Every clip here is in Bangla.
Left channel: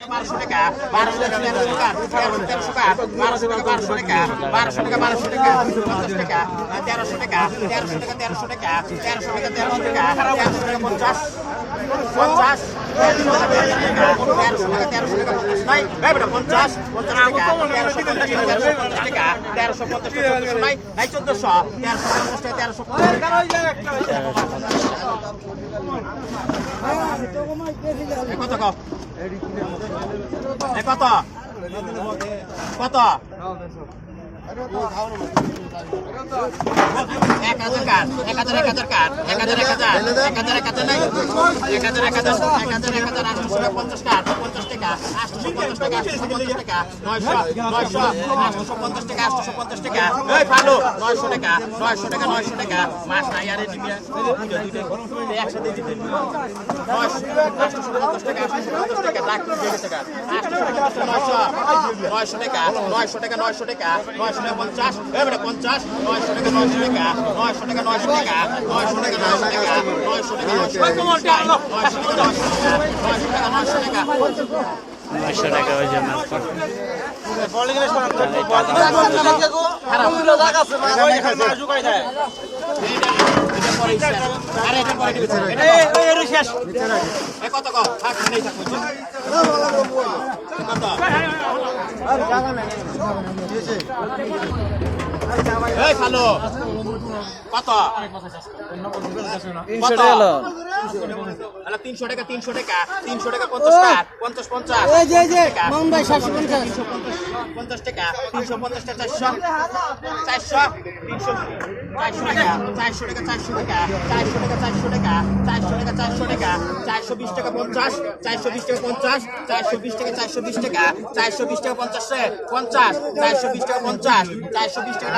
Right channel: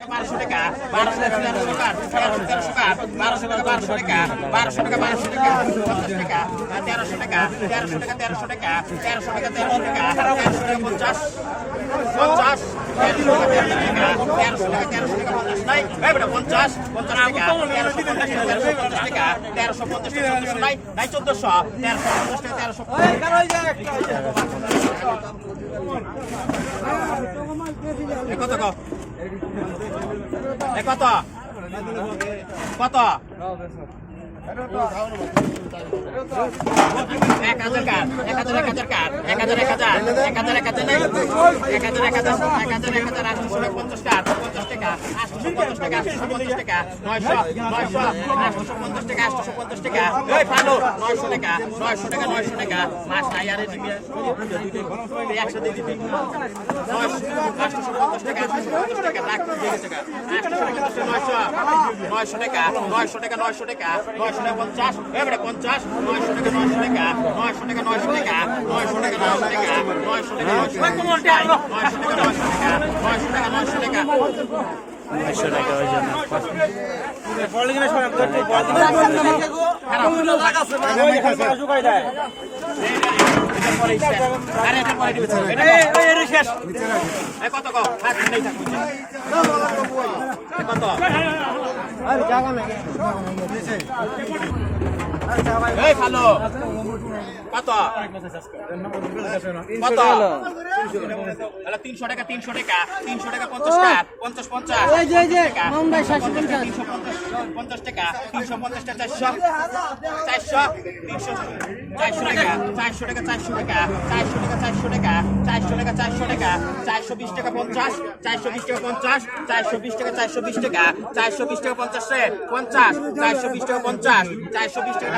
বারোশো টাকা বারোশো টাকা তেরোশো কাঠ বারোশো টাকা বারোশো টাকা বারোশো টাকা বারোশো টাকা, পঞ্চাশ টাকা, তেরোশো টাকা তেরোশো টাকা তেরোশো টাকা তেরোশো টাকা তেরোশো টাকা তেরোশো টাকা, পঞ্চাশ পঞ্চাশ কত কত কত এক হাজার কার এক হাজার এক হাজার কার এক হাজার এক হাজার এক হাজার এক হাজার নাই এক হাজার এক হাজার এক হাজার এক হাজার আটশোশো পঞ্চাশ টাকা পঞ্চাশ টাকা আটশোশো পঞ্চাশ টাকা আটশোশো পঞ্চাশ টাকা নয়শো নয়শো আটশোশো পঞ্চাশ টাকা আটশোশো পঞ্চাশ টাকা ওই ভালো নয়শো টাকা নয়শো টাকা নয়শো টাকা মাস হাজারে দিবি একসাথে নয়শো পঞ্চাশ পঞ্চাশ এবারে পঞ্চাশ নয়শো টাকা নয়শো টাকা নয়শো টাকা নয়শো টাকা নয়শো টাকা নয়শো টাকা নয়শো টাকা নয়শো টাকা নয়শো টাকা নয়শো টাকা নয়শো টাকা নয়শো টাকা নয়শো টাকা ওই জন্য আরে এটা পরে দিবি এটা কর। এ কত 那你刚刚没给钱。就是 তিনশো টাকা। তিনশো টাকা তিনশো টাকা। পঞ্চাশ পঞ্চাশ পঞ্চাশ। পঞ্চাশ। টাকা তিনশো পঞ্চাশ টাকা চারশো। চারশো তিনশো চারশো টাকা চারশো টাকা চারশো টাকা চারশো টাকা চারশো টাকা চারশো টাকা চারশো টাকা চারশো বিশ টাকা পঞ্চাশ চারশো বিশ টাকা পঞ্চাশ চারশো বিশ টাকা চারশো বিশ টাকা চারশো বিশ টাকা পঞ্চাশ পঞ্চাশ চারশো বিশ টাকা পঞ্চাশ চারশো বিশ টাকা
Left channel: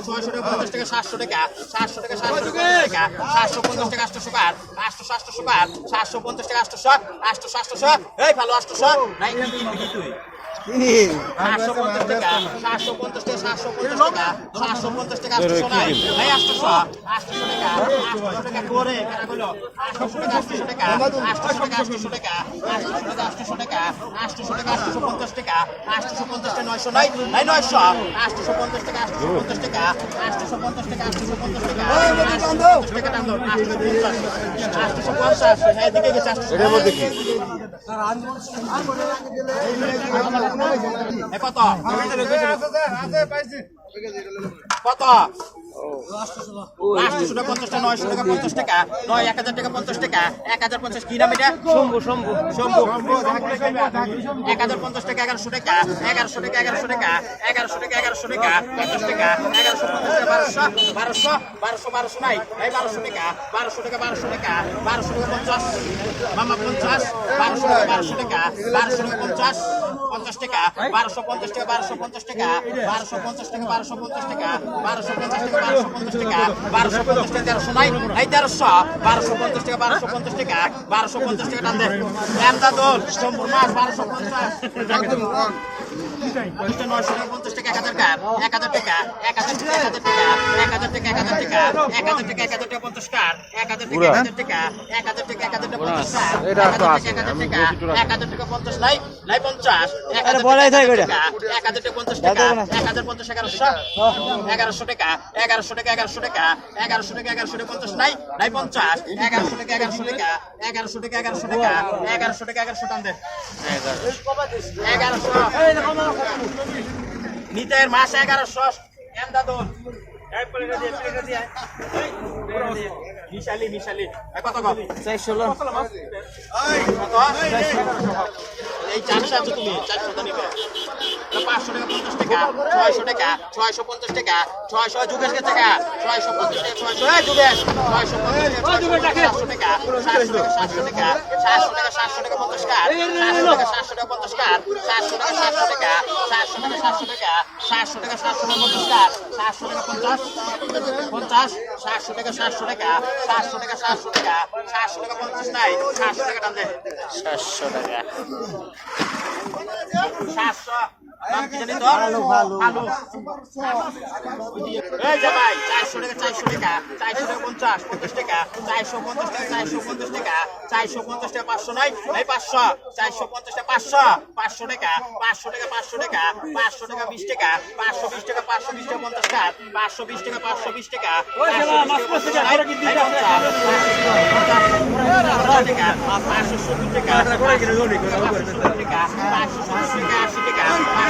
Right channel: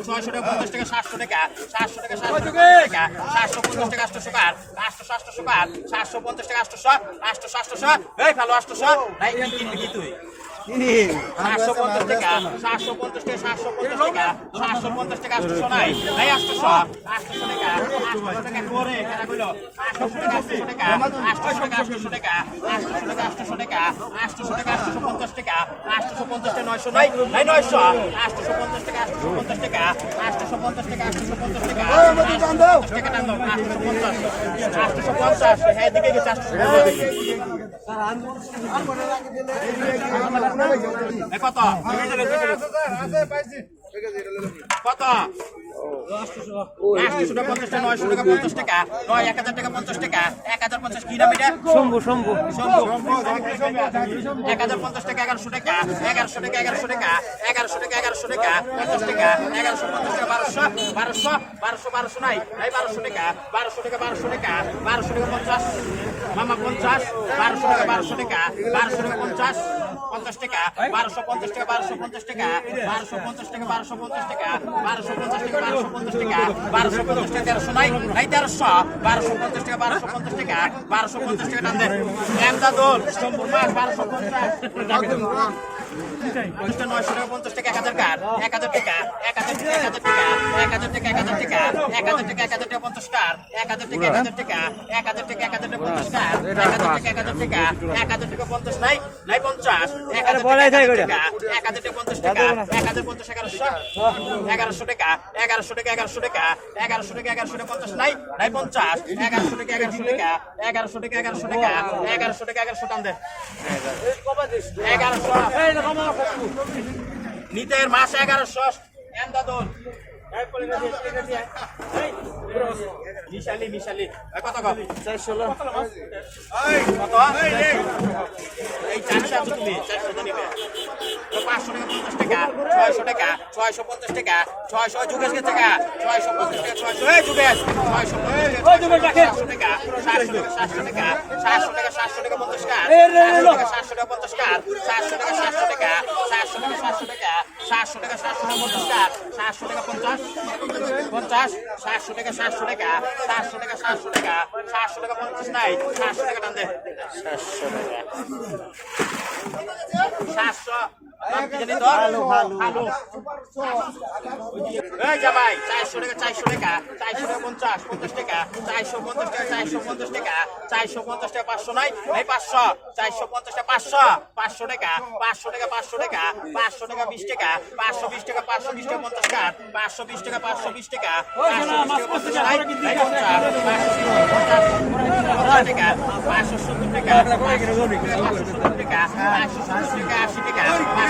ছয়শো টাকা পঞ্চাশ টাকা সাতশো টাকা সাতশো টাকা সাতশো টাকা সাতশো পঞ্চাশ টাকা আটশো টাকা আটশো সাতশো টাকা সাতশো পঞ্চাশ টাকা আটশো আটশো সাতশো এই ভালো আটশো নাই কি কিনবি তুই? সাতশো পঞ্চাশ টাকা সাতশো পঞ্চাশ টাকা সাতশো পঞ্চাশ টাকা সাতশো পঞ্চাশ টাকা আটশো এই আটশো আটশো টাকা আটশো টাকা করে কেনা করল আটশো টাকা আটশো টাকা আটশো টাকা আটশো টাকা আটশো টাকা আটশো টাকা আটশো টাকা আটশো পঞ্চাশ টাকা আটশো পঞ্চাশ টাকা নয়শো নয় এই নয়শো আটশো পঞ্চাশ টাকা আটশো পঞ্চাশ টাকা আটশো পঞ্চাশ টাকা আটশো পঞ্চাশ টাকা আটশো পঞ্চাশ হ্যাঁ দিকে গেছে কত আটশো টাকা পঞ্চাশ টাকা নয়শো টাকা পঞ্চাশ টাকা। নয় এক হাজার টাকা পঞ্চাশ টাকা। এক হাজার পঞ্চাশ কি নাম এটা শম্ভু। শম্ভু শম্ভু এক হাজার পঞ্চাশ টাকা এগারোশো টাকা। এগারোশো টাকা এগারোশো টাকা। এগারোশো টাকা এগারোশো টাকা। পঞ্চাশ টাকা। এগারোশো পঞ্চাশ টাকা বারোশো। বারোশো বারোশো বারোশো নাই। এই বারোশো টাকা বারোশো টাকা বারোশো টাকা। বারোশো টাকা পঞ্চাশ। মামা পঞ্চাশ। বারোশো টাকা বারোশো টাকা। বারোশো টাকা পঞ্চাশ। পঞ্চাশ টাকা। বারোশো পঞ্চাশ টাকা বারোশো পঞ্চাশ টাকা। বারোশো পঞ্চাশ টাকা বারোশো পঞ্চাশ টাকা। বারোশো পঞ্চাশ টাকা বারোশো পঞ্চাশ টাকা, বারোশো পঞ্চাশ টাকা তেরোশো নাই এই তেরোশো, বারোশো পঞ্চাশ টাকা, বারোশো পঞ্চাশ টাকা, বারোশো পঞ্চাশ টাকা টান দেন এমদাদুল সম্পূর্ণ মাস বারোশো পঞ্চাশ। নয়শো টাকা পঞ্চাশ টাকা এক হাজার কার এক হাজার টাকা এক হাজার টাকা এক হাজার টাকা এক হাজার টাকা এক হাজার টাকা এক হাজার টাকা এক হাজার টাকা পঞ্চাশ কার এক হাজার টাকা এক হাজার টাকা এক হাজার টাকা এক হাজার টাকা পঞ্চাশ কার এক হাজার টাকা এক হাজার টাকা এক হাজার টাকা পঞ্চাশ নাই নাই পঞ্চাশ এক হাজার টাকা এক হাজার টাকা পঞ্চাশ টাকা এক হাজার পঞ্চাশ এগারোশো এগারোশো টাকা এগারোশো টাকা এগারোশো টাকা এগারোশো টাকা এগারোশো টাকা পঞ্চাশ নাই নাই পঞ্চাশ এগারোশো টাকা এগারোশো টাকা এগারোশো টাকা এগারোশো টাকা এগারোশো টাকা এগারোশো টান দেন এগারোশো। নিতের মাস এগারোশো। এমদাদুল। মিশালি মিশালি। এই কত কম কত এই চারশো তুমি চারশো টাকা পঞ্চাশ টাকা ছয়শো টাকা ছয়শো পঞ্চাশ টাকা ছয়শো যুগেশ গেছে টাকা ছয়শো পঞ্চাশ টাকা ছয়শো এই যুগেশ ছয়শো পঞ্চাশ টাকা সাতশো টাকা সাতশো টাকা সাতশো টাকা সাতশো টাকা পঞ্চাশ টাকা সাতশো টাকা পঞ্চাশ টাকা সাতশো টাকা সাতশো টাকা সাতশো টাকা সাতশো টাকা সাতশো টাকা সাতশো টাকা পঞ্চাশ টাকা সাতশো টাকা পঞ্চাশ পঞ্চাশ সাতশো টাকা সাতশো টাকা সাতশো টাকা সাতশো টাকা সাতশো টাকা পঞ্চাশ নাই সাতশো টাকা টান দে সাতশো টাকা সাতশো ভালো ভালো ভাই চারশো টাকা চারশো টাকা চারশো পঞ্চাশ পঞ্চাশ টাকা চারশো পঞ্চাশ টাকা চারশো পঞ্চাশ টাকা চারশো পঞ্চাশ টাকা পাঁচশো নাই এই পাঁচশো চারশো পঞ্চাশ টাকা পাঁচশো পাঁচশো টাকা পাঁচশো টাকা পাঁচশো টাকা পাঁচশো টাকা বিশ টাকা পাঁচশো বিশ টাকা পাঁচশো বিশ টাকা পঞ্চাশ টাকা পাঁচশো বিশ টাকা পাঁচশো বিশ টাকা পাঁচশো সত্তর টাকা পাঁচশো ষাট টাকা আশি টাকা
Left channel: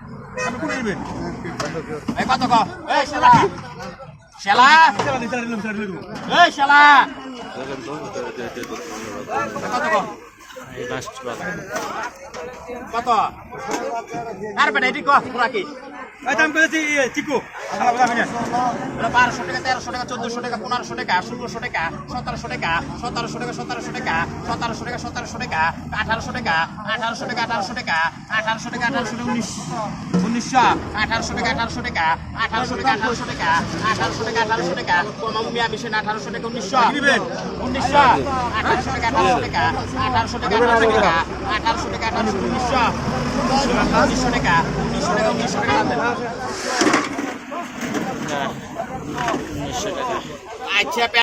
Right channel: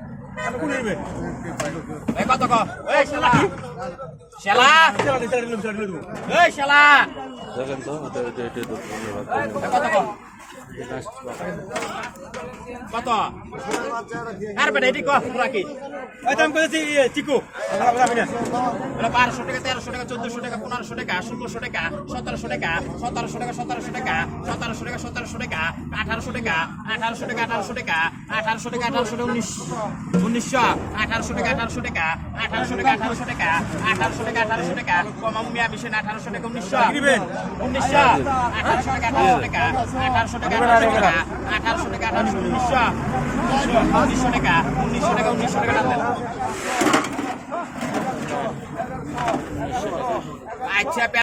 কত শালা। শালা। শালা। কত কত? আর বেটা এটি কো? রাখি এটা বারোশো টাকা তেরোশো টাকা চোদ্দশো টাকা পনেরোশো টাকা ষোলোশো টাকা সতেরোশো টাকা সতেরোশো টাকা সতেরোশো টাকা সতেরোশো টাকা সতেরোশো টাকা আঠারোশো টাকা আঠারোশো টাকা আঠারোশো টাকা আঠারোশো টাকা আঠারোশো টাকা উনিশ উনিশশো আঠারোশো টাকা আঠারোশো টাকা আঠারোশো টাকা আঠারোশো টাকা আঠারোশো টাকা আঠারোশো টাকা কমাম মিয়া বিশেন আঠারোশো টাকা উনিশশো উনিশশো আঠারোশো টাকা আঠারোশো টাকা আঠারোশো টাকা আঠারোশো টাকা আঠারোশো টাকা আঠারোশো উনিশশো উনিশশো টাকা উনিশশো টাকা উনিশশো টাকা টাকা আচ্ছা